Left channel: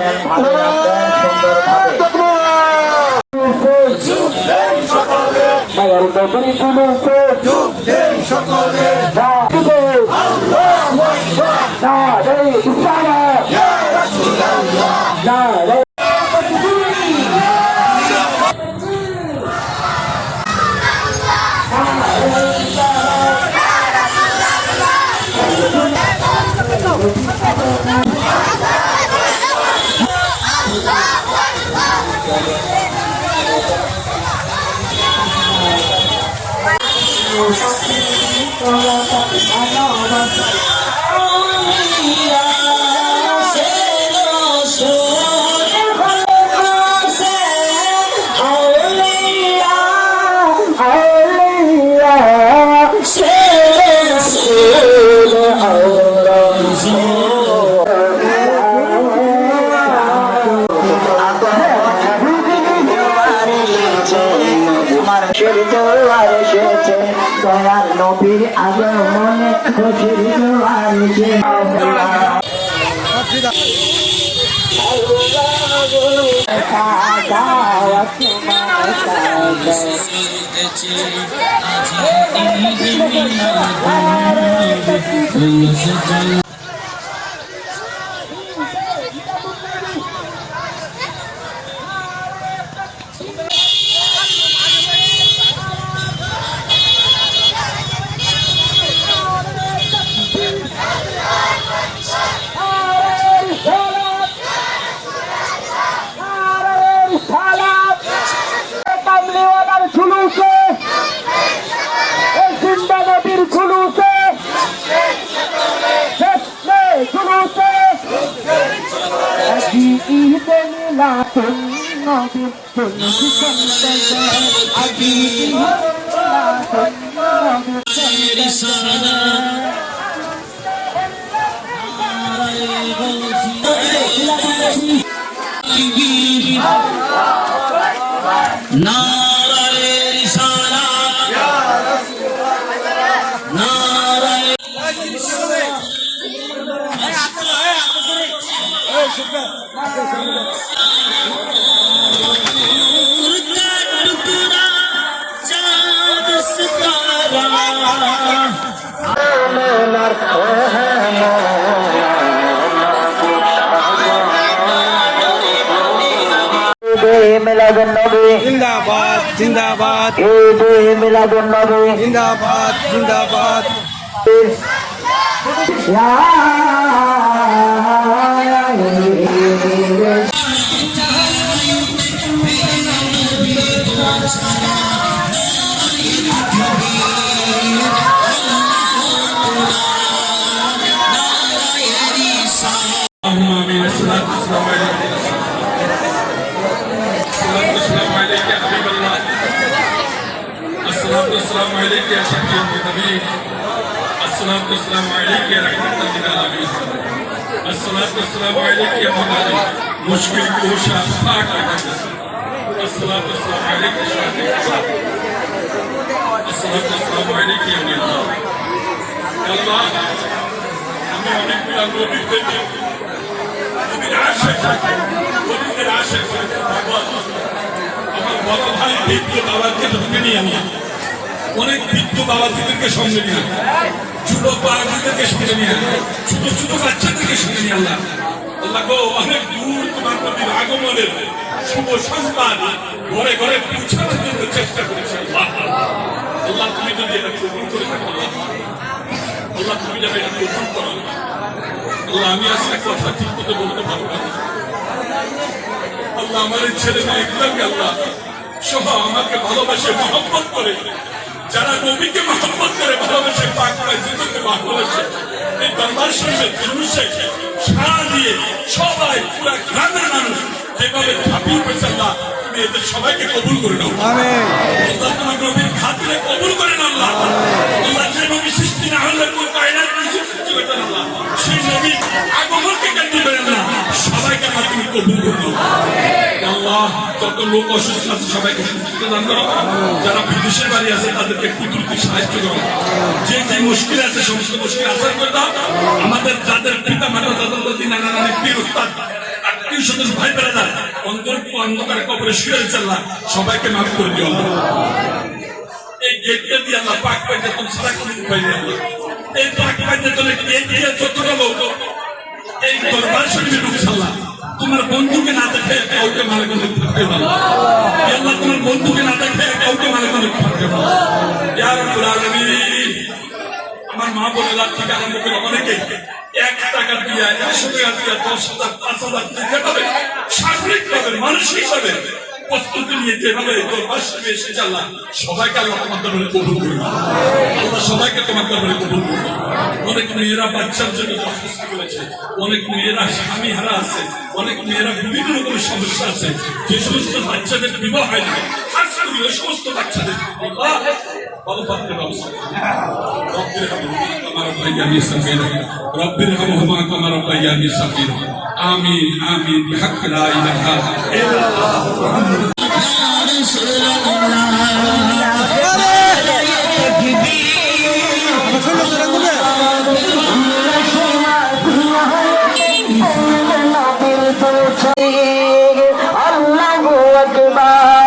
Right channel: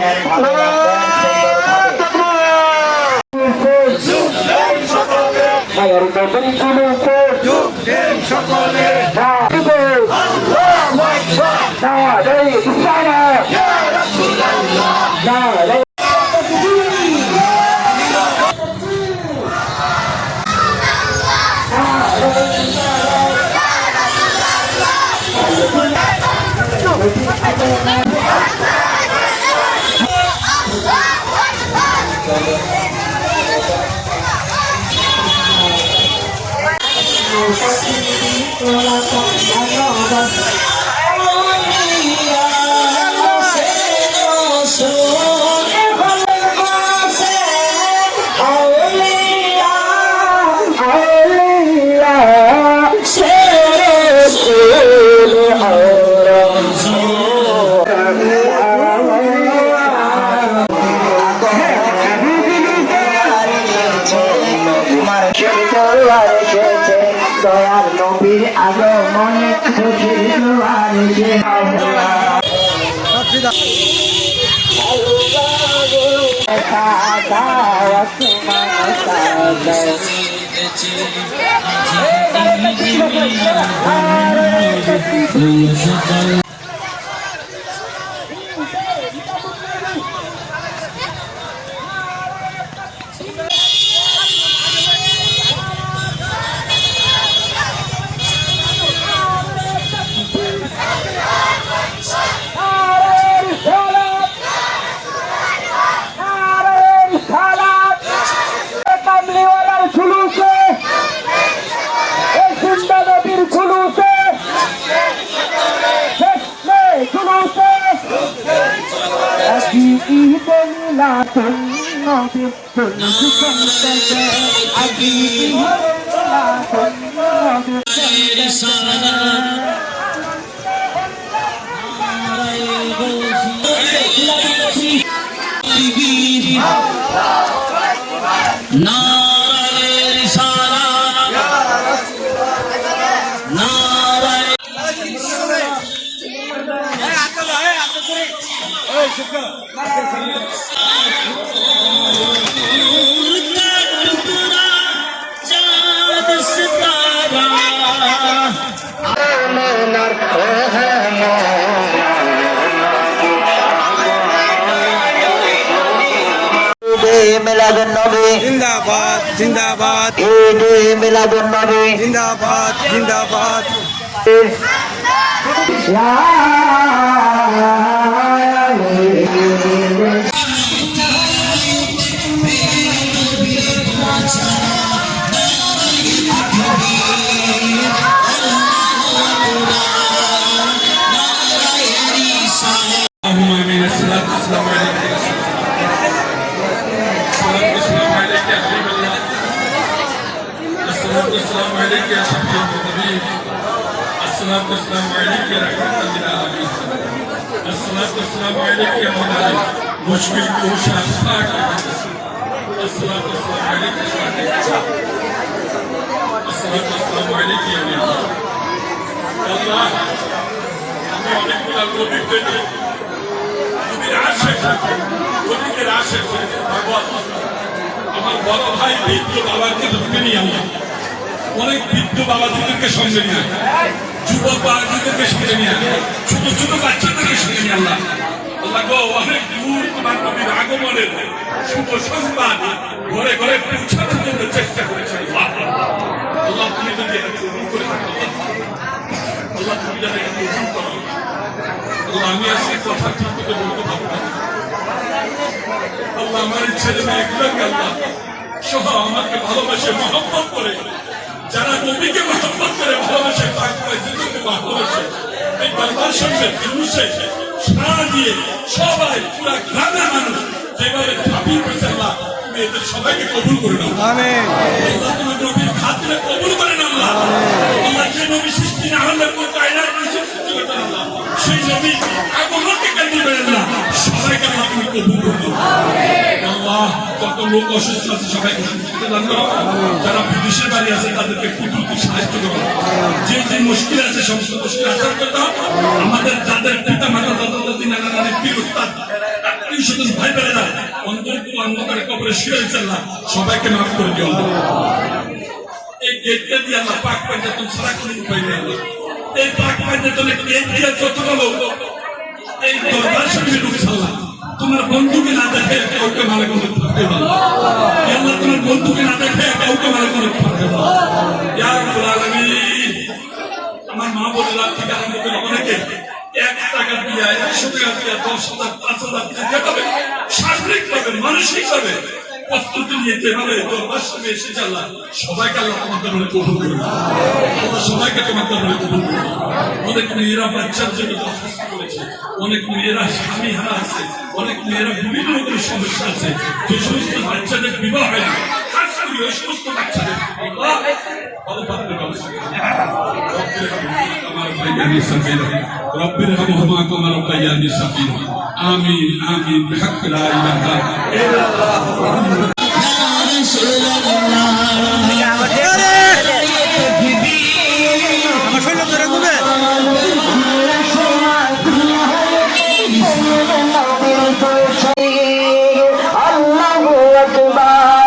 রাখবেন, ভালো রাখবেন সুন্দরভাবে। যোগ দেন সকলে দয়ার নবীর আগমনে খুশির জোয়ার এসে জিন্দাবাদ জিন্দাবাদ মিলাদুন নবী জিন্দাবাদ জিন্দাবাদ السلام عليك يا شفيع الحبيب الصلاة والسلام عليك يا رحمة للعالمين الصلاة والسلام عليك يا مولانا مشفي وشافاك الصلاة والسلام عليك يا شافي الصلاة والسلام عليك يا ولي الله الله أنا أعلم بالنبي بالعشق وبالعشق আমার বড় ভাই বৃদ্ধ বাবাকে ধরে নিয়ে আমরা অনেক বৃদ্ধ বাবাজিদেরকে সঙ্গে নিয়ে যুবক বাবাজিদেরকে সঙ্গে নিয়ে ছোট ছোট বাচ্চাদেরকে সঙ্গে নিয়ে আল্লাহ আল্লাহ গো অনেক দূর তোমার নবীর আগমনের শুভ সংবাদ ঘরে ঘরে পৌঁছানোর জন্য চেষ্টা করেছে আল্লাহ তুমি যদি এটা কবুল করে থাকো আল্লাহ তুমি যাবে এটা কবুল করো আল্লাহ আমি আজকে কথা ঠিক মতো বলতে পারবো না আল্লাহ আমার ছেলে মেয়েগুলোকে আল্লাহ সহ আমাকে ভালোবাসে মহব্বত করে যারা নবীকে মহব্বত করে ভালোবাসে পাক করে জীবনকে ভালোবাসে এই বাংলার সঙ্গে জুলুসে সারা দিয়ে সবাই পুরা গ্রামের মানুষ যেভাবে ঝাঁপিয়ে পড়েছে আল্লাহ তুমি এদের সবাইকে কবুল করে নাও আমিন আল্লাহ তোমার নবীর খাতিরে কবুল করে নাও আল্লাহ আল্লাহ যে নবী সৃষ্টি না হলে কোন কায়নাত কিছু সৃষ্টি করতে না আল্লাহ সেই নবী আগমনকে কেন্দ্র করে না সবাইকে তুমি কবুল করে নাও আল্লাহ যত লোক অসুস্থ আছে সবাইকে সুস্থ দান করো যারা বিদেশের বাড়ি আছে তাদেরকে কুদরতি সাহায্য করো যে যে মুশকিল আছে সমস্ত মুশকিল আসার করে দাও আমাদের যাদের পিতা মাতা দাদা দাদি নানা নানি পীর উস্তাদ আত্মীয় আত্মীয় স্বজন ভাই বেড়াদার অন্তর অন্ধকারে কবরে শুয়ে চাল্লাহ সবাইকে মাফ করে দিও আল্লাহ। এই গেটকে দিয়ে আল্লাহ পাক পাইজাতন ছাড়া কোনো উপায় নেই আল্লাহ। এই পাক পাইজাতনের গেট দিয়ে যতটা লোক এই দরবার শরীফে ঢুকছাল্লাহ তোমার বন্ধুকে না দেখে কাউকে মালে কোনো থাকতে পারো আল্লাহ। তোমার বন্ধুকে না দেখে কাউকে মালে কোনো থাকতে পারো। ইয়া রাব্বুল আলামিন, আমার মা বোনেরা থেকে আরম্ভ করে অনেকে 1 টাকা দিয়ে 100 টাকা দিয়ে 10,000 5,000 যেভাবে শারীরিক ভাবে মানসিক ভাবে প্রস্তুতি নিয়ে যেভাবে দরবার শরীফে এসে আল্লাহ সবাইকে আল্লাহ তোমার দরবারে কবুল করুন আল্লাহ। সবাইকে তোমার দরবারে কবুল করুন। অনেক মেয়েরা বাচ্চার জন্য দরখাস্ত করেছে, অনেক মেয়েরা স্বামী হারা আছে, অনেক মেয়েরা বিভিন্ন রকমের সমস্যা আছে। যে সমস্ত বাচ্চাদের বিবাহ হয় না, খাস করে ওই সমস্ত বাচ্চাদের বিবাহ ভালো পাত্রের ব্যবস্থা রব্বির হামহুমা কামা রাব্বায়ানি সাগীরা। আমিন আমিন বিহাক্কি লা ইলাহা ইল্লাল্লাহ। আমার শৈল ধরে ঘুমে আল্লাহু আকবার।